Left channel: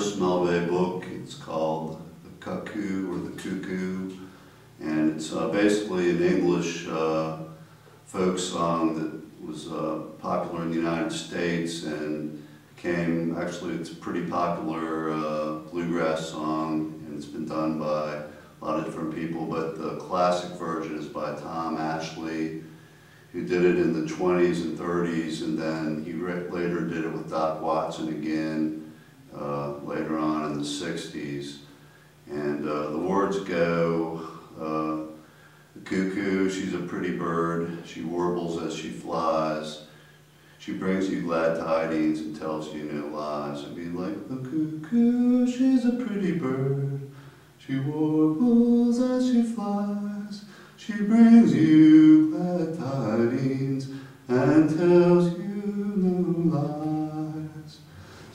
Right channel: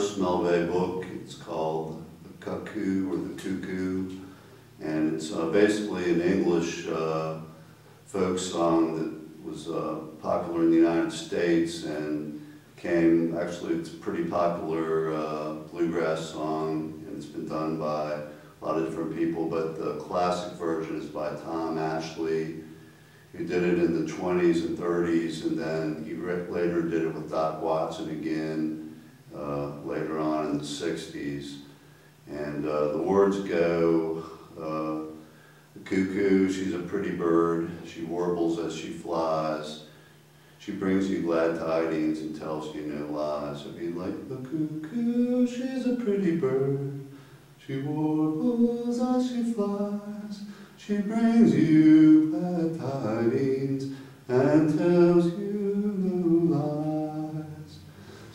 first Mel Bay book. It's called The Cuckoo or The Cuckoo, and it's basically an English folk song that was popular in the United States and became, actually it's a pretty popular bluegrass song, and it's been done by a lot of different people, but the classic version is by Tom Ashley, who did it in the 20s and 30s, and then he later did it with Doc Watson again later on in the 60s. And the words go, the cuckoo, she's a pretty bird, she warbles as she flies, she brings you glad tidings and tells you no lies. It'd be like, the cuckoo, she's a pretty bird, she warbles as she flies, she brings you glad tidings and tells you no lies.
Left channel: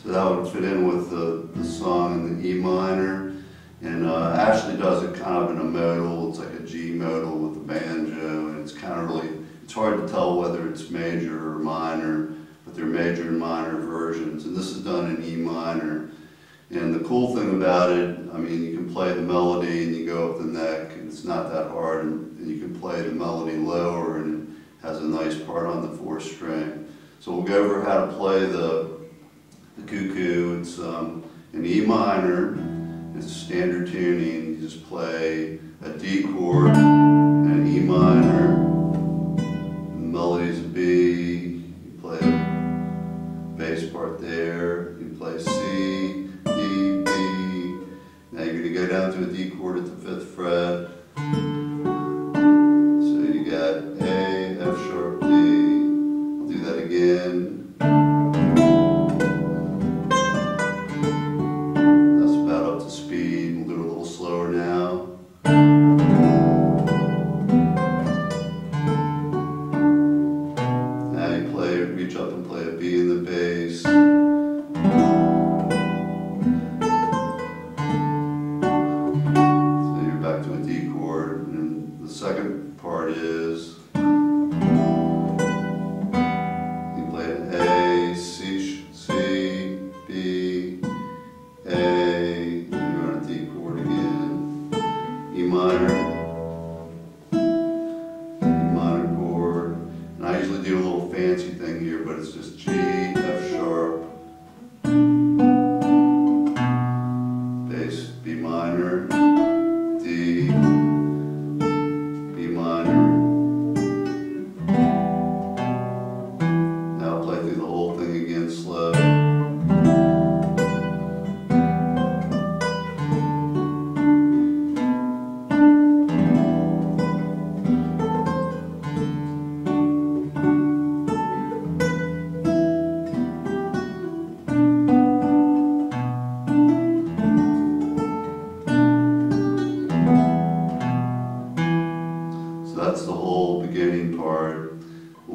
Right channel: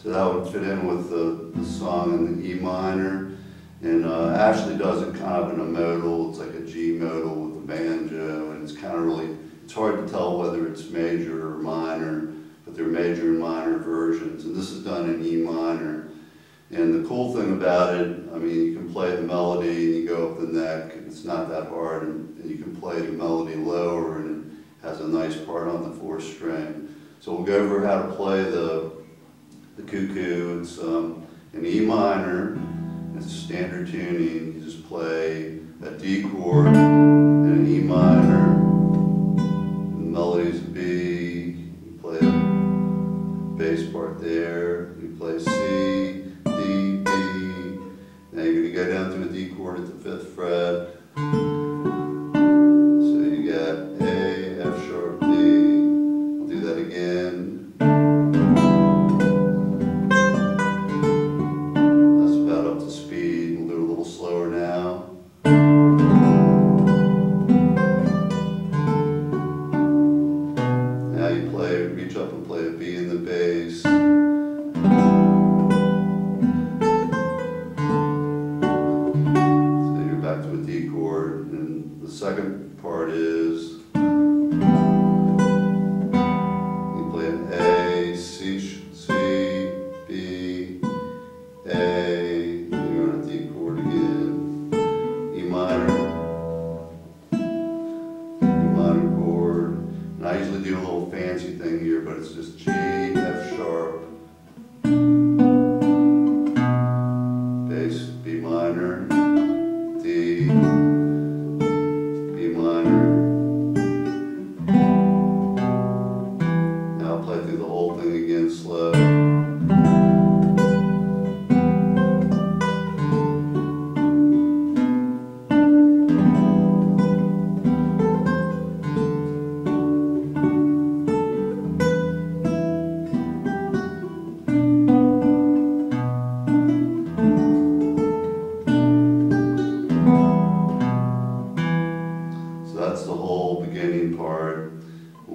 So that would fit in with the song in the E minor. And Ashley does it kind of in a modal. It's like a G modal with a banjo, and it's kind of really, it's hard to tell whether it's major or minor, but they're major and minor versions. And this is done in E minor. And the cool thing about it, I mean, you can play the melody and you go up the neck, and it's not that hard, and you can play the melody lower, and it has a nice part on the 4th string. So we'll go over how to play the cuckoo. It's in E minor. It's a standard tuning. You just play a D chord and an E minor. And the melody's a B. You play a bass part there. You play C, D, B. Now you're going to go down to a D chord at the 5th fret. So you got A, F sharp, D. I'll do that again. Speed, we'll do it a little slower now. Now you play, reach up and play a B in the bass. So you're back to a D chord, and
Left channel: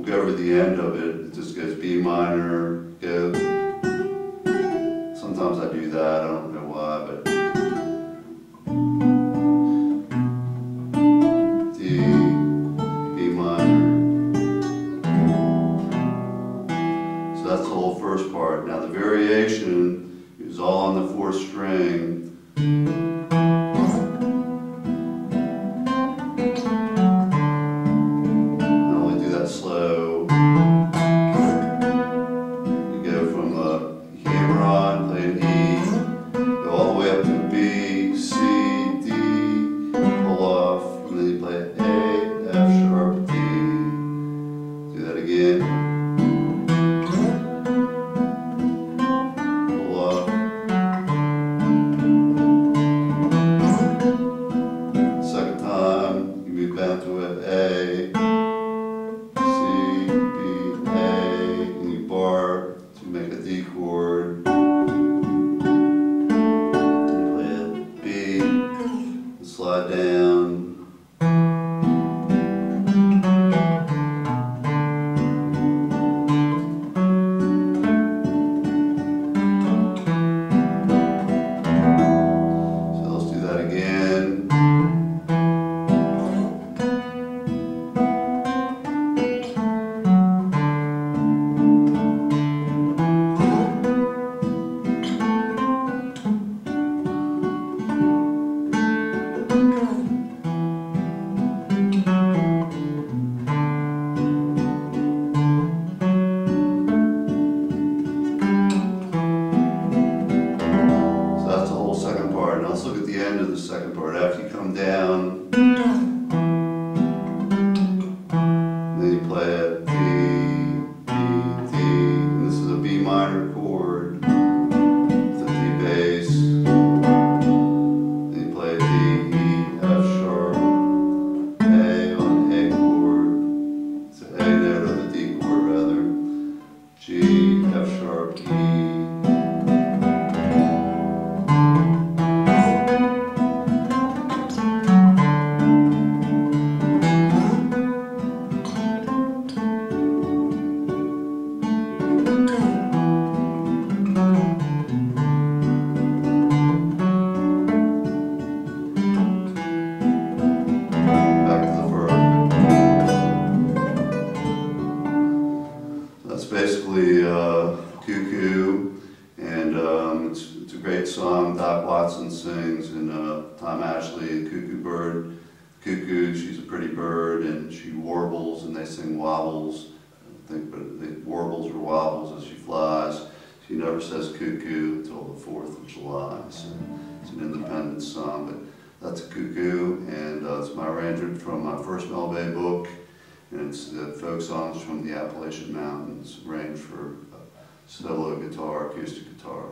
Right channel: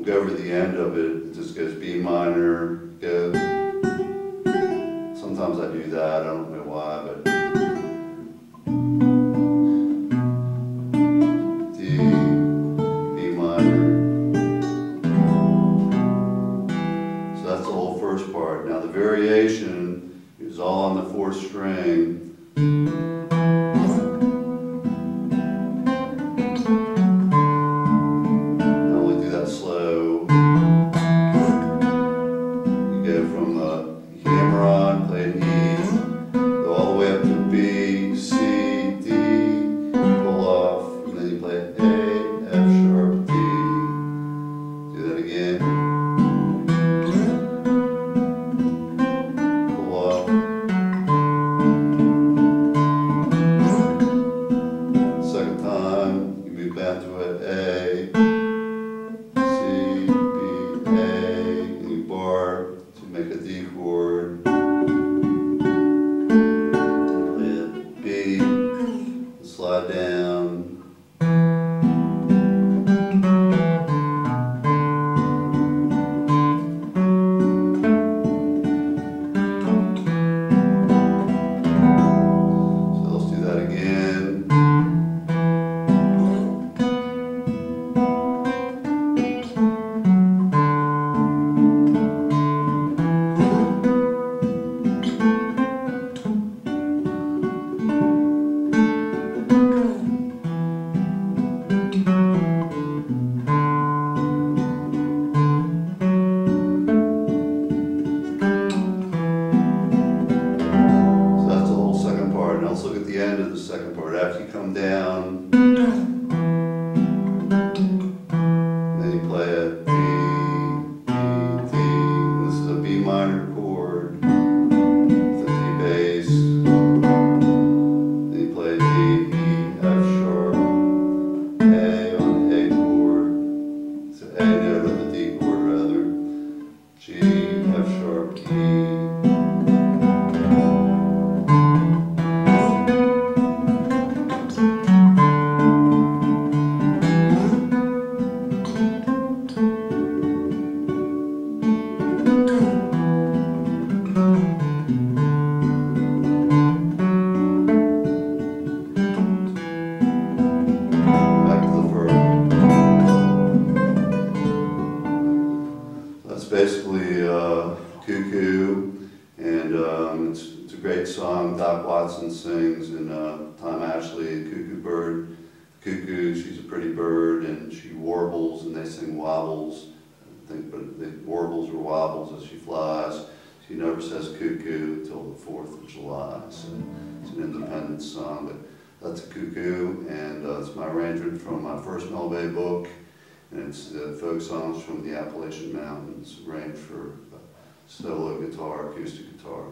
we'll go over the end of it. It just goes B minor, go. Sometimes I do that, I don't know why, but D, B minor. So that's the whole first part. Now the variation is all on the fourth string. Cuckoo, and it's a great song. Doc Watson sings, and Tom Ashley, Cuckoo Bird. Cuckoo, she's a pretty bird, and she warbles, and they sing wobbles. I think, but they warbles or wobbles as she flies. She never says cuckoo until the 4th of July, so it's an independent song, but that's a Cuckoo, and it's my arrangement from my first Mel Bay book, and it's the folk songs from the Appalachian Mountains, arranged for solo guitar, acoustic guitar.